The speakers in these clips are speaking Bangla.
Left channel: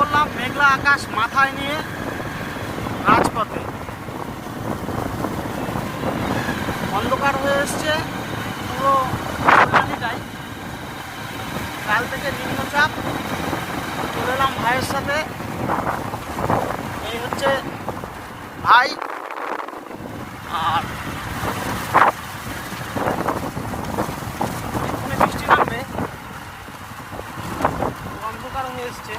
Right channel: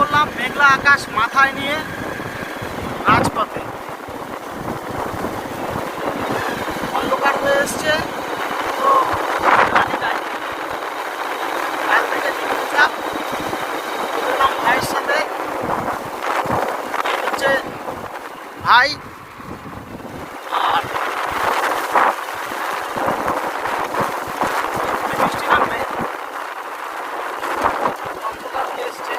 করলাম মেঘলা আকাশ মাথায় নিয়ে রাজপথে। অন্ধকার হয়ে এসছে, তো কাল থেকে নিম্নচাপ। চলে এলাম ভাইয়ের সাথে। এই হচ্ছে ভাই, আর বৃষ্টি নামবে, অন্ধকার হয়ে এসছে।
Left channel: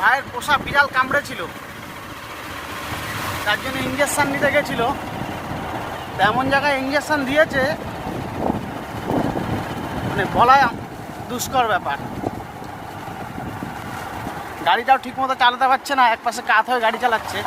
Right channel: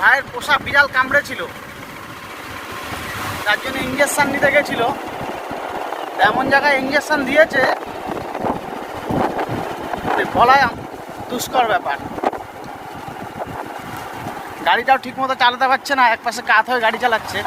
ভাইয়ের পোষা বিড়াল কামড়েছিল, তার জন্য ইঞ্জেকশন নিতে গেছিল। এমন জায়গায় ইঞ্জেকশন দিয়েছে মানে বলা দুষ্কর ব্যাপার। গাড়িটাও ঠিক মতো চালাতে পারছে না, একপাশে কাত হয়ে গাড়ি চালাচ্ছে।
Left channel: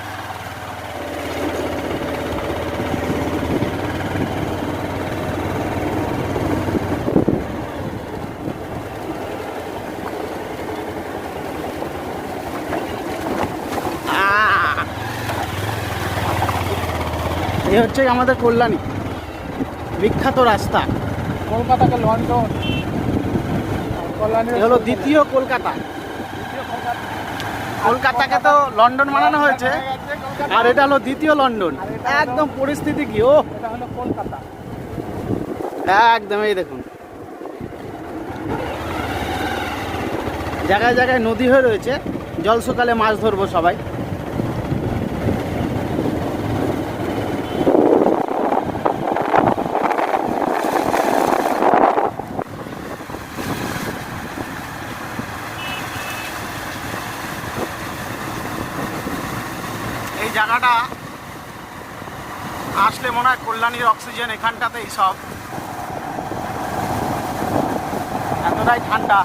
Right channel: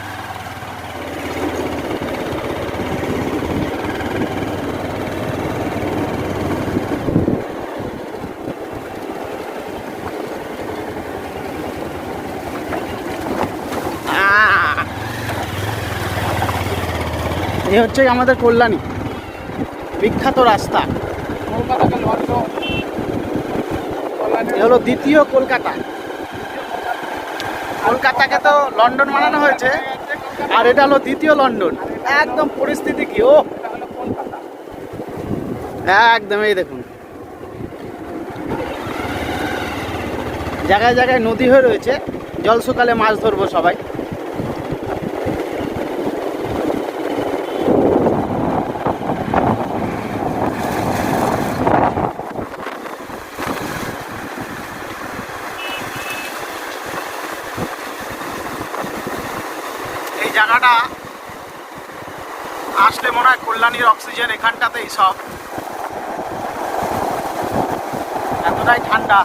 এই হচ্ছে আমাদের কল্যাণী, বিখ্যাত রাস্তা, কলকাতাকে লন্ডন। এ হলো দ্বিতীয় কলকাতা। কলকাতাকে তো লন্ডন বানানো হয়েছে, আর এটা হলো দ্বিতীয় লন্ডন। একদম পরিস্থিতি কি, ও এটা হলো কলকাতা। একদম এই দেখুন, জায়গায় জায়গায় নদী হয়ে রয়েছে। জল শুকালে মাছ ধরবো সবাই। এই জায়গাটা আসলে মনে হয় কল্যাণীর অক্সিজেন এখানটাতেই সব, এতটাই ঠান্ডা।